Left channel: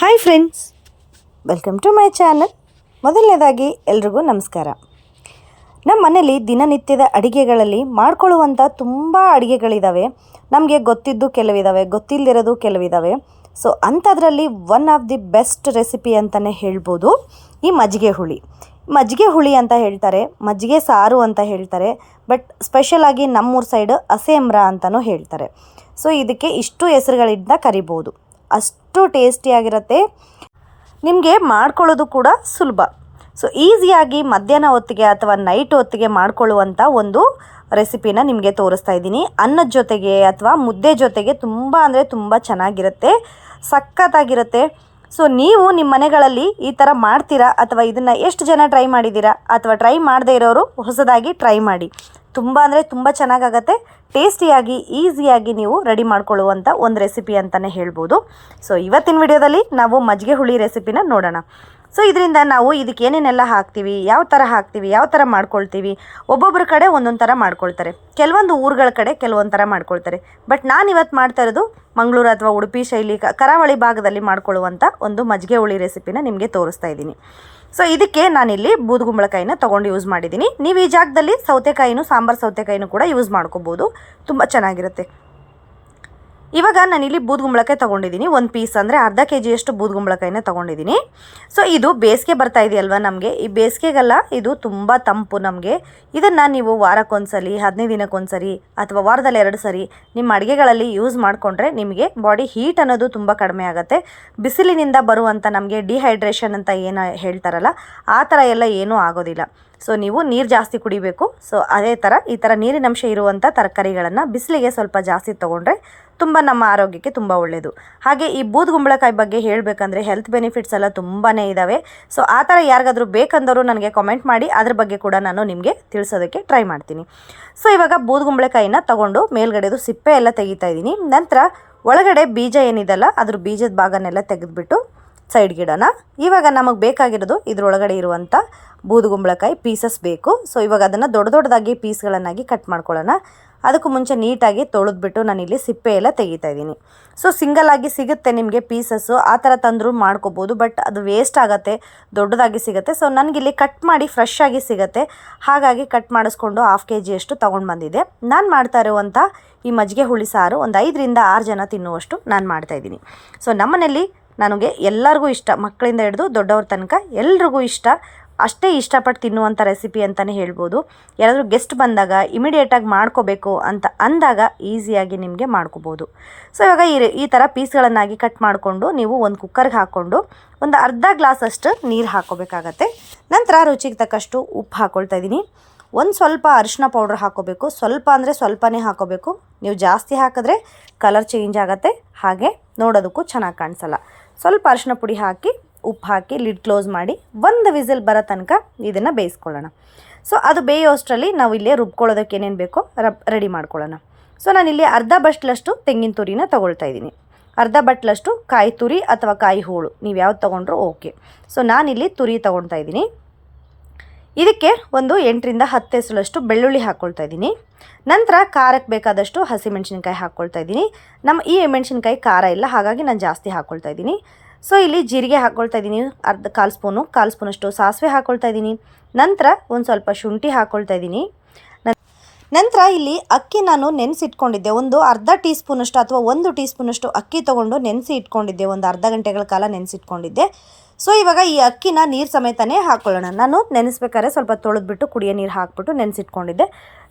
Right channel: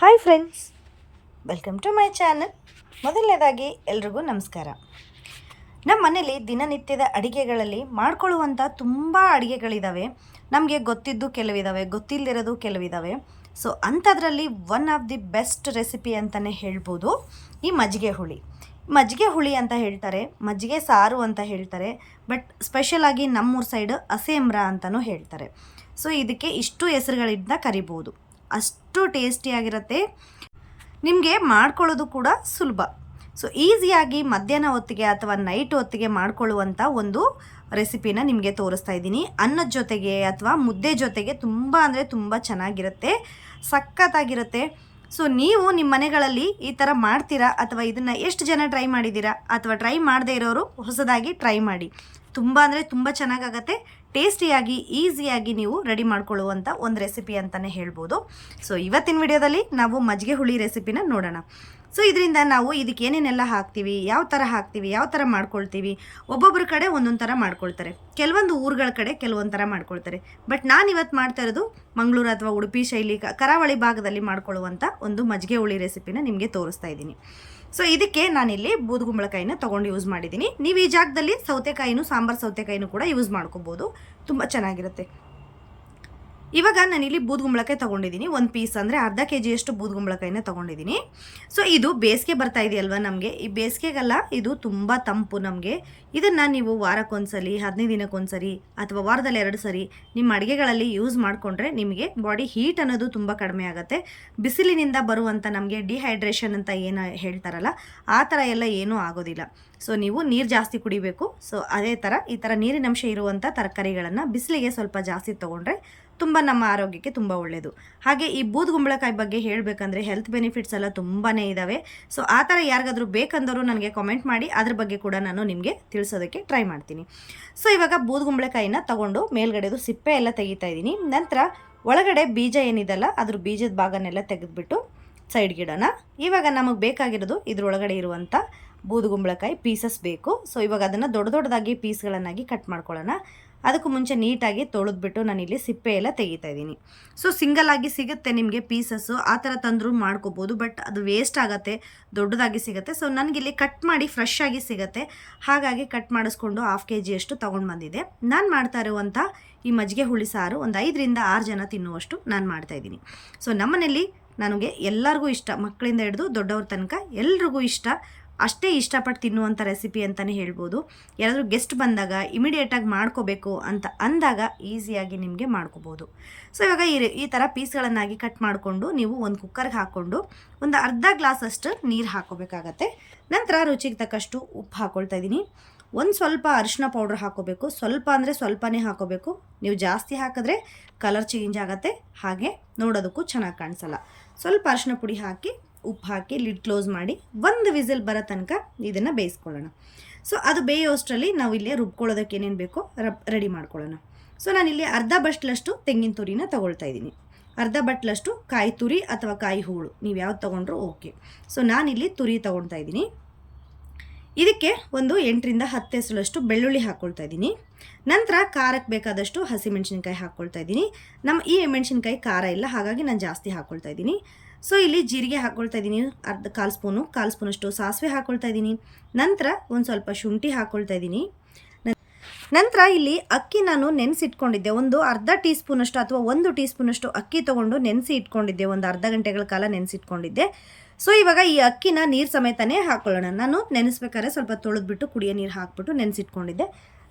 Hi friends welcome to my channel ಮೊದಲನೇದಾಗಿ ಎಲ್ರಿಗೂ ನಮಸ್ಕಾರ. ನಮ್ಮ ಮನೇಲಿ ದಿನನಿತ್ಯದ ಅಡುಗೆಗಳಲ್ಲಿ ಮಾಡ್ಕೊಳ್ಳುವಂಥ ತುಂಬ ಅಡುಗೆಗಳಿದ್ದಾವೆ ನಮಗೆ ಗೊತ್ತಿದ್ದು ಕೆಲವಿದ್ದಾವೆ ಗೊತ್ತಿಲ್ಲದಿರೋದು ಕೆಲವಿದ್ದಾವೆ ಸೊ ಅಂಥದ್ರಲ್ಲಿ one of the best recipe ಅಂತಲೇ ಹೇಳ್ಬೋದು. ಈ ಮಜ್ಜಿಗೆ ಹುಳಿ. ಮಜ್ಜಿಗೆ ಹುಳಿ ಅಂತ ಹೇಳ್ತಾರೆ, ಮಜ್ಜಿಗೆ ಸಾರು ಅಂತ ಹೇಳ್ತಾರೆ ಬಟ್ ಸ್ಪೆಷಲಾಗಿ ನಮ್ಮೂರ ಸೈಡ್ ಅಸೇಮ್ರ ಅಂತಲೂ ಹೇಳ್ತಾರೆ. ಸೊ ಇದಕ್ಕೆ ಇಷ್ಟು ಹೆಸರುಗಳಿಂದ ಕರಿಬೋದು. ಅಷ್ಟು ಟೇಸ್ಟಿಯಾಗಿರುತ್ತೆ ನಿಮಗೆ ಮಾಡ್ಕೊಳ್ಳೋದು ಕೂಡ ಸುಲಭ. ಸೊ ಈಸಿಯಾಗಿ ಮಧ್ಯಾಹ್ನ ಹೊತ್ತಿಗೆ ಅಥವಾ ನೈಟ್ ಹೊತ್ತಿಗೆ ಮಾಡ್ಕೊಳ್ಳುವಂಥ ಒಂದು ರೆಸಿಪಿನ ನಿಮಗೆ ತೋರಿಸ್ತಾ ಇದ್ದೀನಿ. ಅನ್ನದ ಜೊತೆಗೆ ಅಥವಾ ಮುದ್ದೆ ಜೊತೆಗೆ ತುಂಬ ಅಂದರೆ ತುಂಬ ಚೆನ್ನಾಗಿರುತ್ತೆ. ಸಖತ್ತಾಗಿರುತ್ತೆ. ಸೊ ನೀವು ನಿಮ್ಮ ಮನೆಗಳಲ್ಲಿ ಈ ಥರ ಮಾಡ್ತೀರಾ ಅಥವಾ ಇದನ್ನು ಎಷ್ಟು ಜನ ಟ್ರೈ ಮಾಡಿದ್ದೀರಾ ಅಥವಾ ಟ್ರೈ ಮಾಡದೇ ಇರೋರು ಹೊಸದಾಗಿ ಟ್ರೈ ಮಾಡಿ. ತುಂಬ ಅಂದರೆ ತುಂಬ ಚೆನ್ನಾಗಾಗತ್ತೆ. ಟೇಸ್ಟಿಯಾಗಿ, ಈಸಿಯಾಗಿ ನೀವು ರೆಡಿ ಮಾಡ್ಕೊಳ್ಳುವಂಥ ಒಂದು ರೆಸಿಪಿ ಅಂತಲೇ ಹೇಳ್ಬೋದು. ಸೊ ಇವತ್ತಿನ ವಿಡಿಯೋದಲ್ಲಿ ನಾವು ಮಜ್ಜಿಗೆ ಹುಳಿ ರೆಸಿಪಿನ ನೋಡೋಣ. ಸೊ ಇದರಿಂದ ನಾವು ಇದಕ್ಕೆ ಏನೇನೆಲ್ಲ ಹಾಕ್ತೀವಿ, ಯಾವ ಥರ ಹಾಕ್ತೀವಿ, ಯಾವ ಥರ ಮಾಡ್ಕೊಳ್ತೀವಿ ಒಬ್ಬೊಬ್ಬರ ಕಡೆ ಒಂದೊಂದು ಥರ ಮಾಡ್ಕೊಳ್ತಾರೆ. ಕೆಲವೊಂದು ಊರುಗಳ ಕಡೆ ಕೆಲವೊಂದು ಥರ ಮಾಡ್ಕೊಳ್ತಾರೆ. ಬಟ್ ನಾನು ಇವತ್ತು ಮಾಡ್ತಾ ಇರೋದು ಮಂಗಳೂರು ಅಥವಾ ಉಡುಪಿ ಶೈಲಿ ಕರಾವಳಿ ಭಾಗದಲ್ಲಿ ಮಾಡ್ಕೊಳ್ಳುವಂಥ ಒಂದು ಮಜ್ಜಿಗೆ ಹುಳಿ ರೆಸಿಪಿನ ನಿಮಗೆ ತೋರಿಸ್ತಾ ಇದ್ದೀನಿ. ಸೊ ಇದಕ್ಕೆ ನಾನಿಲ್ಲಿ ಬೂದುಗುಂಬಳಕಾಯಿನ ತೊಗೊಂಡು ಯೂಸ್ ಮಾಡಿದ್ದೀನಿ. ನೀವು ಈ ಜಾಗದಲ್ಲಿ ಸೌತೆಕಾಯಿನೂ ಸಾಂಬಾರು ಸೌತೆಕಾಯಿನೂ ಕೂಡ ಯೂಸ್ ಮಾಡ್ಕೋಬೋದು. ತುಂಬ ಚೆನ್ನಾಗಿರುತ್ತೆ. ಇವಾಗ ನಾನಿಲ್ಲಿ ಬೂದ್ಗುಂಬಳಕಾಯಿ ತೊಗೊಂಡಿದ್ದೀನಿ. ಒಂದು ಪೀಸ್ ಅಂದರೆ ಅರ್ಧ ಕೆ ಜಿಯಷ್ಟು ಬೂದ್ಗುಂಬಳಕಾಯಿನೇ ತೊಗೊಂಡಿದ್ದೀನಿ. ಸೊ ಇದು ಬೇಸಿಗೆ ಬರ್ತಾ ಇದೆಯಲ್ವ ನಮಗೆ? ಈ ಬೇಸಿಗೆಗೆಲ್ಲ ಇದು ತುಂಬ ತಂಪು ನಮಗೆ. ಇದನ್ನು ನೀವು ವಾರಕ್ಕೊಂದ್ಸಲಿ, ಹದಿನೈದು ದಿನಕ್ಕೊಂದ್ಸರಿ ಅಥವಾ ವಾರದಲ್ಲಿ ಎರಡು ಸರಿ ನಿಮ್ಮ ಅಡುಗೆಗಳಲ್ಲಿ ಯೂಸ್ ಮಾಡಿಕೊಂಡ್ರೆ ನಿಮಗೆ ಬಾಡಿ ಹೀಟ್ ಅನ್ನೋದು ತುಂಬ ಕಡಿಮೆ ಆಗುತ್ತೆ. ಬಿಸಿಲಿನಿಂದ ಬರುವಂಥ ನಮಗೆ ಡಿಹೈಡ್ರೇಷನ್ ಅಂತ ಏನು ಹೇಳ್ತಾರಲ್ಲ, ಆ ಥರ ಎಲ್ಲ ಏನೂ ಆಗೋದಿಲ್ಲ. ಸೊ ನೀವು ನೀರು ಜಾಸ್ತಿ ಕುಡಿಬೇಕು. ಸೊ ಅದೇ ಥರ ಈ ಥರ ನೀರಿನಂಶ ಇರುವಂಥ ತರಕಾರಿಗಳನ್ನು ಬಿಸಿಲಿಗೆ ಸ್ವಲ್ಪ ಜಾಸ್ತಿ ತೊಗೊಂಡ್ರೆ ತುಂಬ ನಮ್ಮ ಆರೋಗ್ಯಕ್ಕೆ ತುಂಬ ಒಳ್ಳೆಯದು ಹಾಗೆ ಈ ಬೂದುಗುಂಬಳಕಾಯಿ ಬಗ್ಗೆ ಹೇಳಬೇಕಂದ್ರೆ ಹೆಲ್ತ್ ಬೆನಿಫಿಟ್ಸ್ ಎಲ್ಲ ತುಂಬಾ ಇದ್ದಾವೆ ಸೊ ಆ ಥರ ಯಾರಿಗಾದರೂ ಬೇಕಂದರೂ ನನಗೆ ಕಾಮೆಂಟ್ ಮಾಡಿ, ಅದ್ರ ಬಗ್ಗೆ ಕೂಡ ನಾನು ನಿಮಗೆ ತಿಳಿಸೋದಕ್ಕೆ ಟ್ರೈ ಮಾಡ್ತೀನಿ. ಸೊ ಇವಾಗ ಬೂದುಗುಂಬಳಕಾಯಿನ ತಗೊಂಡು ಮೇಲ್ಗಡೆದು ಸಿಪ್ಪೆ ಎಲ್ಲ ತೆಗಿತಾ ಇದ್ದೀನಿ. ನಂತರ ಒಳಗಡೆ ಬೀಜ ಏನಿದೆಲ್ಲ, ಅದ್ರ ಬೀಜದ ಭಾಗನೆಲ್ಲ ತೆಗೆದುಬಿಟ್ಟು ಸೈಡ್ಗಿಡೋಣ ಇವಾಗ ನಮಗೆ ಬೇಕಾಗಿರೋದು ಇದರೊಳಗಡೆ ಇರುವಂಥ ಬೂದುಗುಂಬಳಕಾಯಿ ಪೀಸಸ್ ಬೇಕು. ಸೊ ಇವಾಗ ಅದನ್ನು ದೊಡ್ಡ ದೊಡ್ಡದಾಗಿ ಪೀಸ್ಗಳನ್ನಾಗಿ ಕಟ್ ಮಾಡ್ಕೊಳ್ಳೋಣ. ಅದಕ್ಕೂ ಮುಂಚೆ ನೀಟಾಗಿ ತೊಳೆದ್ಬಿಟ್ಟು ಇಲ್ಲಿ ಸಿಪ್ಪೆ ಎಲ್ಲ ತೆಗಿತಾ ಇದ್ದೀನಿ. ಸೊ ಸಿಂಗಲ್ ಆಗಿ ಸಿಗುತ್ತೆ ನಿಮಗೆ ಪೀಸಸ್ಸು ಆ ಥರ ತಂದರೂ ಮಾಡ್ಕೋಬೋದು ಬಟ್ ಅದು ವೇಸ್ಟ್ ಆಗುತ್ತೆ, ದೊಡ್ಡದಾಗಿ ಸಿಗುತ್ತೆ. ಸೊ ನನಗಿಲ್ಲಿ ಕಟ್ ಮಾಡಿ ಫ್ರೆಶ್ ಆಗಿ ಸಿಗುತ್ತೆ. ಹಾಗಾಗಿ ಕಟ್ ಮಾಡಿಸ್ಕೊಂಡು ಹಾಫ್ ಕೆ ಜಿಯಷ್ಟು ತೊಗೊಂಡು ಬಂದಿದ್ದೆ ನಾನು ಮಾಡ್ತಾ ಇರುವಂಥ ಈ ಮಜ್ಜಿಗೆ ಹುಳಿ ಸಾರು ಒಂದು ಐದರಿಂದ ಆರು ಜನ ತಿನ್ನುವಷ್ಟು ನಾನು ಮಾಡ್ತಾಯಿದ್ದೀನಿ ಸೊ ನಮ್ಮನೇಲಿ ನನಗೆ ಎಲ್ಲರಿಗೂ ಇಷ್ಟ, ಮಕ್ಕಳಿಂದ ಹಿಡಿದು ದೊಡ್ಡವ್ರ ತನಕ ಎಲ್ರಿಗೂ ಇಷ್ಟ. ಅಷ್ಟೇ ಇಷ್ಟಪಟ್ಟು ತಿನ್ನುವಂಥ ರೆಸಿಪಿ ಅಂತಲೇ ಹೇಳ್ಬೋದು. ಯಾರಾದರೂ ಗೆಸ್ಟ್ ಬಂದಾಗ ಇಮಿಡಿಯೇಟಾಗಿ ಮಾಡ್ಕೋಬೇಕು ಅಂತ ಅಂದಾಗ ಈಸಿಯಾಗಿ ನಿಮಗೆ ಮಾಡ್ಕೋಬೋದು. ಸೊ ಇವಾಗ ಈ ಈ ಥರ ಪೀಸ್ಗಳನ್ನಾಗಿ ಕಟ್ ಮಾಡಿಕೊಂಡು ನೀವು ಒಂದು ಕುಕ್ಕರ್ಗೆ ಹಾಕ್ಕೊಂಡು ಒಂದು ಅರ್ಧ ಗ್ಲಾಸಷ್ಟು ನೀರು ಹಾಕ್ಕೋಬೇಕಾಗತ್ತೆ. ನಂತರ ರುಚಿಗೆ ತಕ್ಕಷ್ಟು ಉಪ್ಪು ಹಾಕ್ಕೊಳ್ತಾ ಇದ್ದೀನಿ. ಒಂದು ಸ್ವಲ್ಪ ಅರಿಶಿನ ಪೌಡ್ರ್ ಹಾಕೋಬೇಕು ಸ್ವಲ್ಪ ಅಂದರೆ ಸ್ವಲ್ಪನೇ ಹಾಕೋಬೇಕು ನೀವು ಜಾಸ್ತಿ ಹಾಕಿದ್ರೆ ಕಲರ್ ಚೇಂಜ್ ಆಗುತ್ತೆ. ಹಾಗೆ ನೋಡೋದಕ್ಕೂ ಚೆನ್ನಾಗಿ ಕಾಣಿಸಲ್ಲ. ಸ್ವಲ್ಪ ಅರಿಶಿನ ಪುಡಿ ಹಾಕಿ, ಉಪ್ಪು ಹಾಕಿ ಲಿಡ್ ಕ್ಲೋಸ್ ಮಾಡಿ, ಒಂದು ವಿಸಿಲ್ ಬರೋ ತನಕ ಇದನ್ನು ಬೇಯಿಸ್ಕೊಳ್ಳೋಣ. ಸೊ ಅದು ಬೇಯೋಷ್ಟರಲ್ಲಿ ನಾವು ಇಲ್ಲೇ ರುಬ್ಕೊಳ್ಳೋದಕ್ಕೆ ಏನೇನು ಬೇಕೋ ರಬ್ ರೆಡಿ ಮಾಡ್ಕೊಳ್ಳೋಣ. ಸೊ ನಾನಿಲ್ಲಿ ಅರ್ಧ ಬಟ್ಲಷ್ಟು ತೆಂಗಿನ ತುರಿನ ತೊಗೊಳ್ತಾ ಇದ್ದೀನಿ. ಅರ್ಧ ಬಟ್ಲಷ್ಟು ಕಾಯಿ ತುರಿ ಅಥವಾ ಕಾಯಿ ಹೂಳು, ನೀವು ಯಾವ್ದು ತೊಗೊಂಡ್ರೂ ಓಕೆ. ಸೊ ನಾನಿಲ್ಲಿ ತುರಿ ತೊಗೊಳ್ತಾ ಇದ್ದೀನಿ. ಇದಕ್ಕೆ ಒಂದು ಎಂಟರಿಂದ ಹತ್ತು ಹೆಸರಷ್ಟು ಬೆಳ್ಳುಳ್ಳಿ ಹಾಕ್ಕೊಳ್ತಾ ಇದ್ದೀನಿ. ನಂತರ ಖಾರಕ್ಕೆ ಬೇಕಾದಷ್ಟು ಹಸಿಮೆಣ್ಸಿನ್ಕಾಯಿ ಹಾಕ್ಕೊಳ್ತಾ ಇದ್ದೀನಿ. ನಮ್ಮ ಈ ಮೆಣಸಿನ್ಕಾಯಿ ಖಾರ ಇಲ್ಲ, ಹಾಗಾಗಿ ನಾನು ಜಾಸ್ತಿ ಹಾಕ್ಕೊಳ್ತಾ ಇದ್ದೀನಿ. ಸೊ ಇಲ್ಲಿ ಜೀರಿಗೆ ಹಾಕ್ಕೊಳ್ತಾ ಇದ್ದೀನಿ, ಅರ್ಧ ಕಾಲು ಸ್ಪೂನು, ಕಾಲು ಸ್ಪೂನಷ್ಟು ಸಾಸಿವೆ ಹಾಕ್ಕೊಳ್ತಾ ಇದ್ದೀನಿ. ನಂತರ ಒಂದು ಸ್ವಲ್ಪ ಶುಂಠಿ ಹಾಕ್ಕೊಳ್ತಾ ಇದ್ದೀನಿ. ನಂತರ ಇಲ್ಲಿ ಅಕ್ಕಿ ನಾನು ನೆನೆಸಿ ಇಟ್ಕೊಂಡಿದ್ದೆ ಒಂದು ಅರ್ಧ ಟೀ ಸ್ಪೂನಷ್ಟು ಅಥವಾ ಒಂದು ಟೀ ಸ್ಪೂನಷ್ಟು ಅಕ್ಕಿ ತೊಗೊಂಡು ನೆನೆಸಿ ಇಟ್ಕೊಂಡಿದ್ದೆ, ಒಂದು ಅರ್ಧ ಗಂಟೆಗಳ ಕಾಲ ನೆನೆಸಿಟ್ಕೊಂಡಿದ್ದೆ. ಸೊ ಇವಾಗ ಈ ಅಕ್ಕಿನ ನೀರು ಸಮೇತನೇ ಹಾಕ್ಕೊಳ್ಳೋಣ ನಾನು ನೆನೆಸ್ಬೇಕಾದ್ರೆ ಸ್ವಲ್ಪ ತೊಳೆದ್ಬಿಟ್ಟು ಕುಡಿಯೋ ನೀರು ಹಾಕ್ಬಿಟ್ಟು ನೆನೆಸಿಟ್ಕೊಂಡಿದ್ದೆ.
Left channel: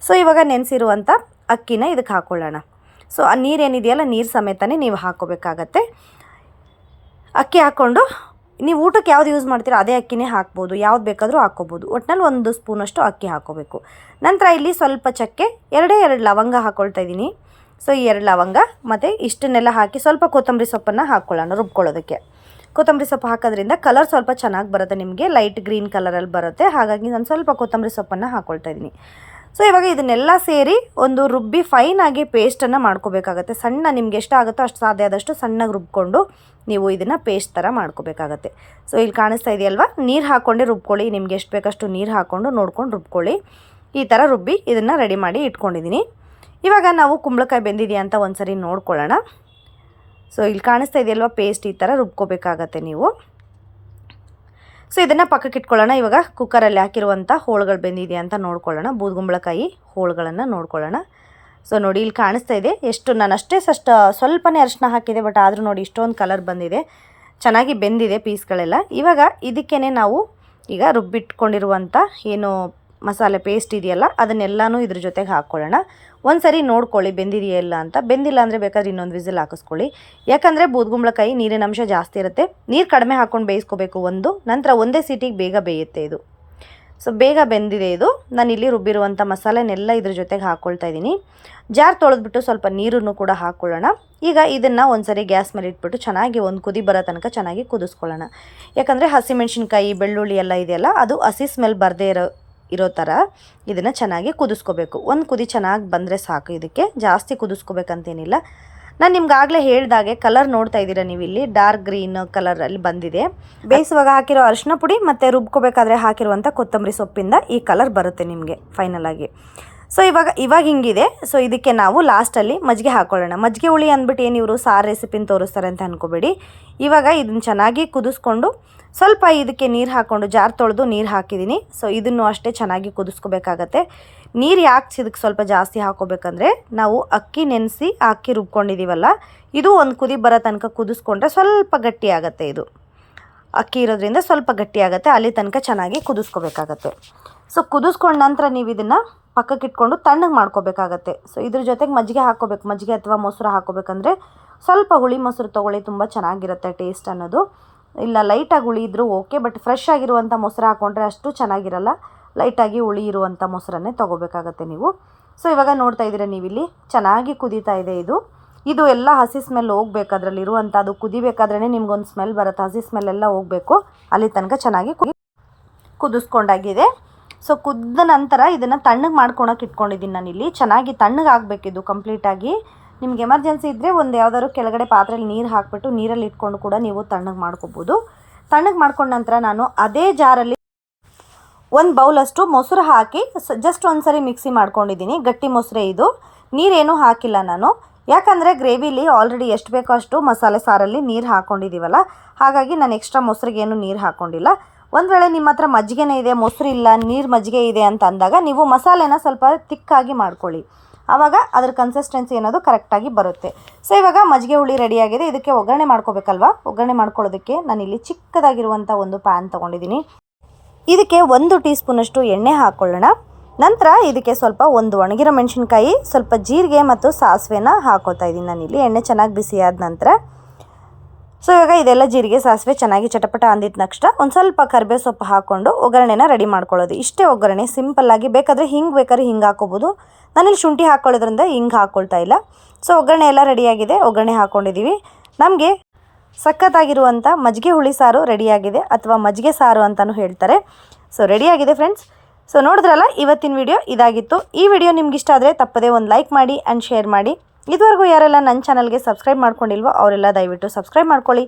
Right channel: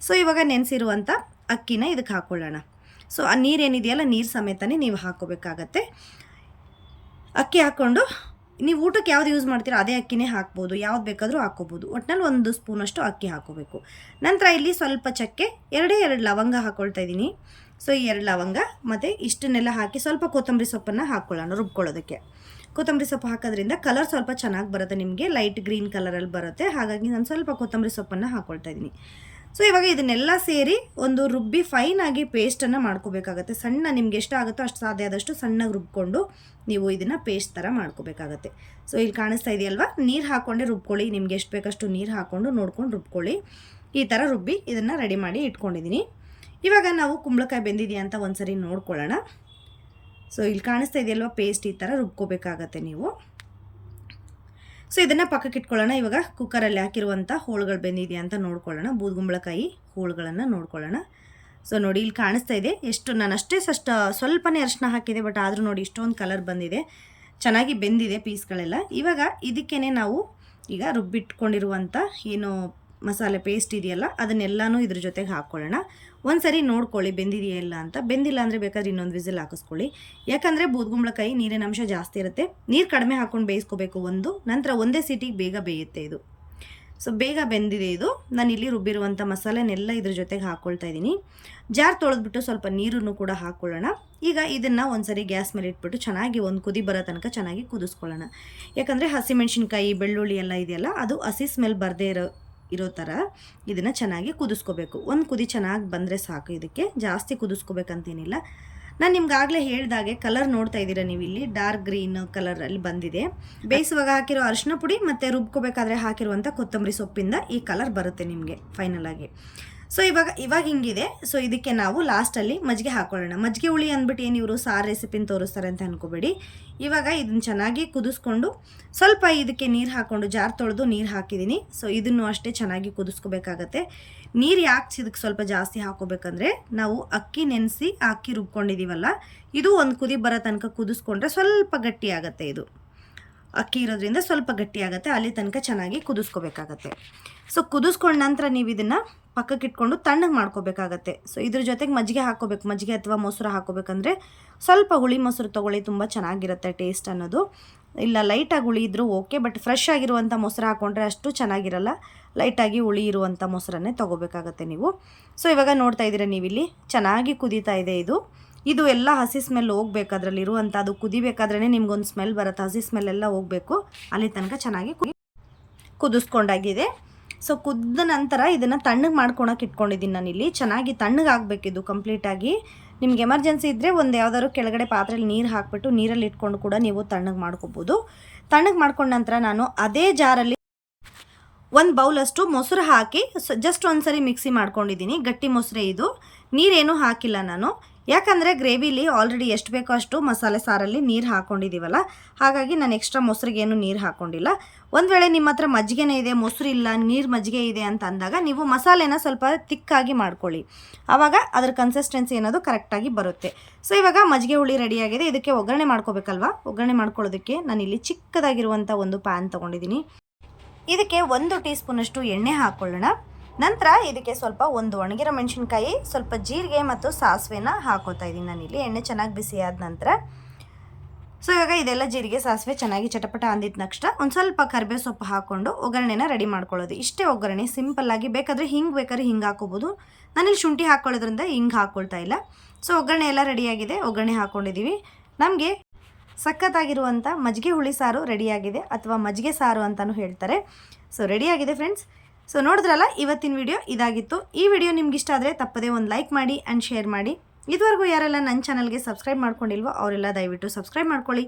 ಸೊ ಇವಾಗ ನೆನೆಸಿರುವಂಥ ಅಕ್ಕಿನ ಇದಕ್ಕೆ ಹಾಕ್ಕೊಳ್ಳೋಣ ಸೊ ಆ ನೀರೇನಿದೆಯಲ್ಲ ನೀರು ಸಮೇತನೇ ನೀವು ಹಾಕ್ಕೋಬೇಕಾಗತ್ತೆ ಅಕ್ಕಿ ಹಾಕ್ಕೊಂಡು, ನೀವು ಊಟಕ್ಕೆ ಯಾವ್ದು ಯೂಸ್ ಮಾಡ್ತೀರೋ, ಅದೇ ಅಕ್ಕಿನೇ ಹಾಕ್ಬೋದು. ಯಾವ್ದು ಬೇಕಾದರೂ ಹಾಕ್ಕೋಬೋದು. ಒಟ್ಟಿನಲ್ಲಿ ಒಂದು ಸ್ಪೂನಷ್ಟು ಅಕ್ಕಿ ಹಾಕ್ಕೋಬೇಕು. ನಂತರ ಇಲ್ಲಿ ಸ್ವಲ್ಪ ಚಕ್ಕೆ, ಎರಡೇ ಎರಡು ಲವಂಗ ಹಾಕ್ಕೊಳ್ತಾ ಇದ್ದೀನಿ. ಸೊ ಈ ಎರಡು ಲವಂಗ ಮತ್ತು ಇಷ್ಟನ್ನೆಲ್ಲ ಹಾಕಿ ಸ್ವಲ್ಪ ಕೊತ್ತಂಬರಿ ಸೊಪ್ಪನ್ನು ಹಾಕ್ಕೊಳ್ಳೋಣ ರುಬ್ಕೊಳ್ಳೋದಕ್ಕೆ. ಕೊತ್ತಂಬರಿ ಸೊಪ್ಪು ಹಾಕೋದ್ರಿಂದ ಕಲರ್ ಸ್ವಲ್ಪ ಚೆನ್ನಾಗಿ ಬರುತ್ತೆ ನಿಮಗೆ. ಲೈಟ್ ಗ್ರೀನ್ ಕಲರಲ್ಲಿ ಬರುತ್ತೆ. ಹಾಗಾಗಿ ನಾನು ಸ್ವಲ್ಪ ಕೊತ್ತಂಬರಿ ಸೊಪ್ಪನ್ನು ಹಾಕ್ಕೊಳ್ತಾ ಇದ್ದೀನಿ. ಸೊ ಇವಾಗ ಇದನ್ನೆಲ್ಲ ಸೇರಿ ಒಂದು ರುಬ್ಬಿ ಫೈನಾಗಿ ಪೇಸ್ಟನ್ನು ಮಾಡ್ಕೋಬೇಕಾಗತ್ತೆ. ಸಣ್ಣ ನಿಮ್ಗೆ ಎಷ್ಟಾಗುತ್ತೋ ಅಷ್ಟು ಸಾಧ್ಯ ಆದಷ್ಟು ಸಣ್ಣಗೆ ರುಬ್ಕೊಂಡು ನೀವು ಇದನ್ನು ಪೇಸ್ಟ್ ಥರ ಮಾಡ್ಕೋಬೇಕಾಗತ್ತೆ. ಸೊ ಇಲ್ಲಿ ಕಾಣಿಸ್ತಾ ಇದೆಯಲ್ವಾ? ನೀರು ಹಾಕ್ಕೊಂಡೆ ರುಬ್ಕೊಳ್ಳಿ. ನಿಮ್ಗೆ ಎಷ್ಟು ಬೇಕಷ್ಟು ನೀರು ಹಾಕ್ಕೊಂಡು ನೋಡ್ಕೊಂಡು ರುಬ್ಕೊಳ್ಳಿ. ಈ ಥರ ರುಬ್ಬಿ ಇದನ್ನು ರೆಡಿ ಮಾಡಿ ಇಟ್ಕೊಂಡಿದ್ದೀನಿ. ಇವಾಗ ನಾವು ಕುಂಬಳಕಾಯಿ ಬೆಂದಿದೆಯಾ ಅಂತ ಒಂದ್ಸರಿ ನೋಡ್ಕೊಳ್ಳೋಣ. ಸೊ ಇಲ್ಲಿ ಕಾಣಿಸ್ತಾ ಇದೆಯಲ್ವ ಪೇಸ್ಟ್ ಈ ಥರ ರುಬ್ಕೋಬೇಕಾಗತ್ತೆ ನೀವು. ಸೊ ಇದನ್ನು ಪಕ್ಕಕ್ಕೆ ಇಟ್ಕೊಳ್ಳೋಣ. ಇವಾಗ ಕುಕ್ಕರಲ್ಲಿ ಹಾಕಿರುವಂಥ ಹೋಳುಗಳು ಬೆಂದಿದೆಯಾ ಅಂತ ನೋಡ್ಕೊಳ್ಳೋಣ. ಬೂದುಗುಂಬಳಕಾಯಿ ಹೋಳುಗಳನ್ನು ನೋಡ್ಕೊಳ್ಳೋಣ. ಸೊ ನೋಡಿ ಇಲ್ಲಿ ಕಾಣಿಸ್ತಾ ಇದೆ. ಎಷ್ಟು ನಾನು ಅಷ್ಟೇ ಸಷ್ಟ, ಸ್ವಲ್ಪನೇ ಅರಿಶಿನ ಹಾಕಿದೆ ಬಟ್ ಆದರೂ ನೋಡಿ ಇಷ್ಟೊಂದು ಕಲರ್ ಬಂದಿದೆ. ಚೆನ್ನಾಗಿ ಬೆಂದಿದೆ ಪೀಸ್ಗಳೆಲ್ಲ. ಇವಾಗ ಇದಕ್ಕೇ ನಾವು ಈಗ ರುಬ್ಬಿಟ್ಕೊಂಡಿರುವಂಥ ಏನು ಮಸಾಲೆ ಪೇಸ್ಟ್ ಇದೆಯಲ್ಲ, ಅದನ್ನೆಲ್ಲನೂ ಇದ್ರ ಜೊತೆಗೆ ಹಾಕ್ಕೊಳ್ಳೋಣ. ಒಂದು ಸರಿ ನೋಡ್ಕೊಳ್ಳಿ ಬೆಂದಿದೆಯಲ್ಲ ಅಂತ. ಬೆಂದಿಲ್ಲ ಅಂದರೆ ಬೇಕಾದ್ರೆ ಇನ್ನೊಂದು ವಿಸಿಲ್ ಹಾಕಿಸ್ಕೊಳ್ಳಿ. ಯಾಕಂದರೆ ಬೂದ್ಗುಂಬಳಕಾಯಿ ನೀರಿನ ಅಂಶ ಜಾಸ್ತಿ ಇರುತ್ತೆ. ನೀರು ಕಡಿಮೆ ಹಾಕ್ಕೊಂಡು ಬೇಯಿಸ್ಕೋಬೇಕು ಒಂದು, ನಂತರ ಒಂದೇ ಸೀಟಿಗೆ ಬೇಗ ಬೇಯುತ್ತೆ ಇದು. ಸೊ ಬೇಗ ಬೆಂದಿದೆ ಇದು. ನಾನು ಇಲ್ಲಿ ರುಬ್ಬಿರುವಂಥ ಮಸಾಲೆನೆಲ್ಲ ಇದ್ರ ಜೊತೆಗೆ ಹಾಕ್ಕೊಳ್ತಾ ಇದ್ದೀನಿ. ಜಾರ್ ತೊಳೆದ್ಬಿಟ್ಟು ಸ್ವಲ್ಪ ನೀರನ್ನು ಕೂಡ ಹಾಕ್ಕೊಳ್ಳೋಣ. ಈಗ ಇದನ್ನು ಒಂದ್ಸರಿ ಗ್ಯಾಸ್ ಮೇಲೆ ಇಟ್ಬಿಟ್ಟು ಚೆನ್ನಾಗಿ ಒಂದು ಕುದಿ ಬರೋ ತನಕ ಚೆನ್ನಾಗಿ ಕುದಿಸ್ಕೊಳ್ಳೋಣ. ಯಾಕಂದರೆ ಹಸಿಮೆಣ್ಸಿನ್ಕಾಯಿ ಬೆಳ್ಳುಳ್ಳಿ ಎಲ್ಲ ಇದೆಯಲ್ಲ, ಅದು ಹಸಿ ಸ್ಮೆಲ್ ಬರದೇ ಇರೋ ಇರೋ ಥರ ಇದನ್ನು ಚೆನ್ನಾಗಿ ಕುದಿಸ್ಕೋಬೇಕು. ಒಂದು ಕುದಿ ಚೆನ್ನಾಗಿ ಬಂದರೆ ಸಾಕು ಇದಕ್ಕೆ. ಜಾಸ್ತಿ ಕುದಿಸ್ಕೋಬೇಕಂತೇನಿಲ್ಲ. ನಾನು ನಿಮ್ಗಾಗಲೇ ಹೇಳ್ದಾಗೆ ಕಲರ್ ನೋಡ್ತಾ ಇದ್ದೀರಾ ನೀವು ಇಲ್ಲಿ ಡಾರ್ಕ್ ಗ್ರೀನ್ ಕಲರಲ್ಲಿ ಬಂದಿದೆ. ಬೇಯಿಸುವಾಗ ಹಾಕಿರೋ ಅರಿಶಿನ ಪುಡಿ ಮತ್ತು ರುಬ್ಕೋಬೇಕಾದ್ರೆ ಹಾಕಿರುವಂಥ ಕೊತ್ತಂಬರಿ ಸೊಪ್ಪಿಂದ ಈ ಕಲರ್ ಬರುತ್ತೆ ನಿಮಗೆ ಫೈನಲ್ ಆಗಿ. ಸೊ ಇವಾಗ ಇವಾಗ ಹಿಂಗಿದೆ. ಸೊ ಇದಕ್ಕೆ ನಾವು ಲಾಸ್ಟಲ್ಲಿ ಮಜ್ಜಿಗೆ ಹಾಕ್ಕೊಳ್ಳೋಣ ಮಜ್ಜಿಗೆ ಹುಳಿ ಅಂದ್ಬಿಟ್ಟು ಏನು ಇವರು ಸಾರು ರೆಸಿಪಿನ ತೋರಿಸ್ತಾರೆ ಅಂತ ಅನ್ಕೋಬೇಡಿ. ಇವಾಗ ಇದನ್ನು ಚೆನ್ನಾಗಿ ಕುದಿಸ್ಕೊಂಡು ಸ್ವಲ್ಪ ಇದಕ್ಕೆ ನೀರು ಹಾಕ್ಕೊಂಡು ಜಾರ್ ತೊಳೆದು ನೀರು ಹಾಕಿದ್ದೀನಿ ಸೊ ಇದನ್ನು ಅಷ್ಟೇ ಚೆನ್ನಾಗಿ ಕುದಿಸ್ಕೋಬೇಕಾಗತ್ತೆ. ನೀರು ಯಾಕೆ ಇದಕ್ಕೆ ಸ್ವಲ್ಪ ಜಾಸ್ತಿ ಹಾಕೋಬೇಕಂದ್ರೆ, ನಾವು ಅಕ್ಕಿ ನೆನೆಸಿ ಅಕ್ಕಿ ರುಬ್ಕೊಂಡಿದ್ದೀವಲ್ಲ ಇದು ಒಂದು ಕುದಿ ಬರೋ ತನಕ ಕುದಿಸ್ಕೊಂಡ್ರೆ ಸ್ವಲ್ಪ ಗಟ್ಟಿ ಆಗುತ್ತೆ ಇದು. ಅಕ್ಕಿ ಇರೋದ್ರಿಂದ ಸ್ವಲ್ಪ ಗಟ್ಟಿ ಅಲ್ಲಿ ತನಕ ಚೆನ್ನಾಗಿ ಕುದಿಸ್ಕೋಬೇಕಾಗತ್ತೆ. ಸೊ ಕುದಿಸ್ಕೊಂಡ ನಂತರ ನೀವು ಇದನ್ನು ಪಕ್ಕಕ್ಕೆ ಇಟ್ಕೊಂಡು ತಣ್ಣಗೆ ಮಾಡ್ಕೋಬೇಕಾಗತ್ತೆ. ಸೊ ಇದ್ರ ಜೊತೆಗೆ ಮಜ್ಜಿಗೆ ಹಾಕ್ಕೋಬೇಕು. ಮಜ್ಜಿಗೆ ಅಥವಾ ಮೊಸರು ಹಾಕೋಬೇಕಂದ್ರೆ ಸ್ವಲ್ಪ ಹುಳಿ ಮೊಸರು ತೊಗೊಳ್ಳಿ, ತುಂಬ ಚೆನ್ನಾಗಿರುತ್ತೆ ಟೇಸ್ಟ್ ಅನ್ನೋದು. ಇಲ್ಲ ಲೈಟಾಗಿ ಹುಳಿ ಇದ್ದರೂ ಓಕೆ ಬಟ್ ಫ್ರೆಶ್ ಆಗಿರುವಂಥ ಮೊಸರು ಹಾಕ್ಕೊಂಡ್ರೆ ಅಷ್ಟು ಚೆನ್ನಾಗಿರಲ್ಲ. ಲೈಟಾಗಿ ಹುಳಿ ಇರುವಂಥ ಮೊಸರನ್ನೇ ತೊಗೋಬೇಕಾಗತ್ತೆ ನೀವು. ಸೊ ಇವಾಗ ನೋಡ್ತಾ ಇದ್ದೀರಾ ನೀವಿಲ್ಲಿ? ಚೆನ್ನಾಗಿ ಕುದೀತಾ ಇದೆ ಇದು. ಇದು ಎಲ್ಲ ಹಸಿ ಸ್ಮೆಲ್ ಹೋಗ್ಬೇಕು ಅದರಲ್ಲಿ ಇರುವಂಥ ಅದು ಕುದಿಬೇಕಾದ್ರೇ ನಿಮ್ಗೊಂದು ಸ್ಮೆಲ್ ಬರುತ್ತೆ. ಹಸಿ ಸ್ಮೆಲ್ ಎಲ್ಲ ಹೋಗಬೇಕು. ಅಲ್ಲಿ ತನಕ ಚೆನ್ನಾಗಿ ಕುದಿ ಕುದಿಸ್ಕೊಂಡಾಗಿದೆ. ಸೊ ಕುದ್ದ ನಂತರ ಇದನ್ನು ತಣ್ಣಗೆ ಮಾಡ್ಕೊಳಕ್ಕೆ ಇಟ್ಕೊಂಡಿದ್ದೀನಿ ನಾನಿಲ್ಲಿ ಚೆನ್ನಾಗಿ ತಣ್ಣಗೆ ಆಗಬೇಕಿದು ಕಂಪ್ಲೀಟಾಗಿ ನಿಮ್ಗೆ ಎಮರ್ಜೆನ್ಸಿ ಇದ್ದರೆ ಒಂದು ಯಾವ್ದಾದ್ರು ಕೆಳಗಡೆ ಪಾತ್ರೆಯಲ್ಲಿ ನೀರು ಹಾಕಿಬಿಟ್ಟು ನೀರಲ್ಲಿ ಇಟ್ಕೊಂಡು ಕೂಡ ನೀವು ತಣ್ಣಗೆ ಮಾಡ್ಕೋಬೋದು. ತಣ್ಣಗೆ ಮಾಡ್ಕೊಂಡ ನಂತರ ನಾನು ಅದೇ ಜಾರಲ್ಲಿ ಒಂದು ಬೌಲಷ್ಟು ಮೊಸರು ಹಾಕಿ ಜಸ್ಟ್ ಒಂದು ಸರಿ ಮಿಕ್ಸಿ ಮಾಡ್ಕೊಂಡಿದ್ದೀನಿ ಗಟ್ಟಿ ಮೊಸರೇ ಇದು. ನೀರೇನು ಹಾಕಿಲ್ಲ ನಾನು. ಯಾಕಂದರೆ ಗ್ರೇವಿಲಿ ಆಲ್ರೆಡಿ ಎಷ್ಟು ಬೇಕೋ ಅಷ್ಟು ಮಸಾಲೆ ಸಾರಲ್ಲಿ ನೀರು ಹಾಕ್ಕೊಂಡಿದ್ದೀವಲ್ಲ ಹಾಗಾಗಿ ನಾನು ಎಕ್ಸ್ಟ್ರಾ ಮೊಸರಿಗೇನು ನೀರು ಹಾಕ್ಕೊಂಡಿಲ್ಲ ಒಂದು ವೇಳೆ ನಿಮ್ಮ ಹತ್ರ ಮಜ್ಜಿಗೆನೇ ಇದೆ, ಮೊಸರು ಇಲ್ಲ, ನೀರು ಮಜ್ಜಿಗೆ ಇದೆ ಅಂತ ಅಂದಾಗ ನೀವು ಮಸಾಲೆನ ಸ್ವಲ್ಪ ತಿಕ್ಕಾಗಿ ಮಾಡ್ಕೊಳ್ಳಿ. ಆವಾಗ ಅದ್ರ ಕನ್ಸಿಸ್ಟೆನ್ಸಿ ಅನ್ನೋದು ಕರೆಕ್ಟಾಗಿ ಬರುತ್ತೆ. ಸೊ ಇವಾಗ ಮಜ್ಜಿಗೆ ಹುಳಿ ರೆಡಿಯಾಗಿದೆ ಇದಕ್ಕೆ ಒಗ್ಗರಣೆ ಮಾಡ್ಕೋಬೇಕಲ್ವಾ? ಒಗ್ಗರಣೆ ಮಾಡ್ಕೊಳ್ಳೋದಕ್ಕೆ ನಾನಿಲ್ಲಿ ಚಿಕ್ಕದಾಗಿರುವಂಥ ಒಂದು ಪ್ಯಾನ್ ತೊಗೊಂಡಿದ್ದೀನಿ ಇದಕ್ಕೆ ಒಂದು ಟೀ ಸ್ಪೂನಷ್ಟು ಎಣ್ಣೆ ಹಾಕ್ಕೊಳ್ಳೋಣ ನಂತರ ಇದಕ್ಕೆ ಸ್ವಲ್ಪ ಒಂದು ಒಣಗಿರೋ ಮೆಣಸಿನ್ಕಾಯಿ, ಸ್ವಲ್ಪ ಜೀರಿಗೆ ಮತ್ತು ಸಾಸಿವೆನ ಹಾಕೋತಾ ಇದ್ದೀನಿ ನಾನಿಲ್ಲಿ ಎಣ್ಣೆ ಚೆನ್ನಾಗಿ ಬಿಸಿಯಾದ ನಂತರ. ಸೊ, ಇವಾಗ ಇದೆಲ್ಲ ಜೀರಿಗೆ, ಸಾಸಿವೆ ಚೆನ್ನಾಗಿ ಚಟಪಟ ಅಂದಿದ ನಕ್ಷ ಒಂದು ಸ್ವಲ್ಪ ಕರಿಬೇವು ಸೊಪ್ಪು ಹಾಕ್ಕೊಂಡು ಒಗ್ಗರಣೆನ ರೆಡಿ ಮಾಡ್ಕೊಳ್ಳೋದು. ಇಷ್ಟೇ ಒಗ್ಗರಣೆ ಸಿಂಪಲ್ಲಾಗಿ ಬೇಕಾದರೆ ಹಿಂಗೆ ಬೇಕಾದ್ರೆ ಹಿಂಗೆ ಹಾಕೋಬೋದು. ನಾನಿಲ್ಲಿ ಶುಂಠಿ ಹಾಕ್ಕೊಳ್ಳೋದ್ರಿಂದ ಹಿಂಗೆ ಹಾಕ್ಕೊಳ್ತಾ ಇಲ್ಲ. ಸೊ, ಒಗ್ಗರಣೆ ಎಲ್ಲ ರೆಡಿಯಾಗಿದೆ ಒಗ್ಗರಣೆ ಹಾಕ್ಕೊಂಡಿದ್ದೀವಿ ನಮಗೆ ಸಖತ್ತಾಗಿರುವಂಥ ಮಜ್ಜಿಗೆ ಹುಳಿ ಸಾರು ರೆಡಿಯಾಗಿದೆ ಅಥವಾ ಮಜ್ಜಿಗೆ ಸಾರು ಅಂತಲೂ ಹೇಳ್ತಾರೆ. ಸೊ ರೆಡಿಯಾಗಿದೆ ಫ್ರೆಂಡ್ಸ್. ಸೊ, ನೋಡಿದ್ರಲ್ಲ, ಇವತ್ತಿನ ವಿಡಿಯೋ ಇದಾಗಿತ್ತು. ಈ ವಿಡಿಯೋ ನಿಮ್ಗೆ ಇಷ್ಟ ಆದರೆ ತಪ್ಪದೇ ಒಂದು ಲೈಕ್ ಮಾಡಿ ಆ್ಯಂಡ್ ಶೇರ್ ಮಾಡಿ. ಇದುವರೆಗೂ ಯಾರೆಲ್ಲ ನನ್ನ ಚಾನಲ್ಗೆ ಸಬ್ಸ್ಕ್ರೈಬ್ ಮಾಡ್ಕೊಂಡಿಲ್ವೋ ಅವರೆಲ್ಲ ದಯವಿಟ್ಟು ಸಬ್ಸ್ಕ್ರೈಬ್ ಮಾಡ್ಕೊಳ್ಳಿ.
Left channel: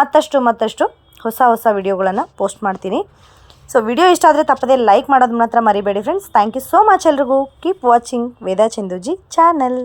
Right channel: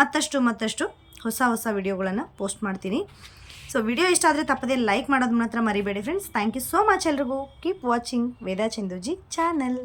ಮತ್ತಷ್ಟು ಮತ್ತಷ್ಟು ಹೊಸ ಹೊಸ ವಿಡಿಯೋಗಳನ್ನು ಪೋಸ್ಟ್ ಮಾಡ್ತೀನಿ. ಸೊ ವಿಡಿಯೋ ಇಷ್ಟ ಆದರೆ ತಪ್ಪದೇ ಲೈಕ್ ಮಾಡೋದು ಮಾತ್ರ ಮರಿಬೇಡಿ friends thank you so much ಎಲ್ರಿಗೂ. Keep watching Veda Chanduji channel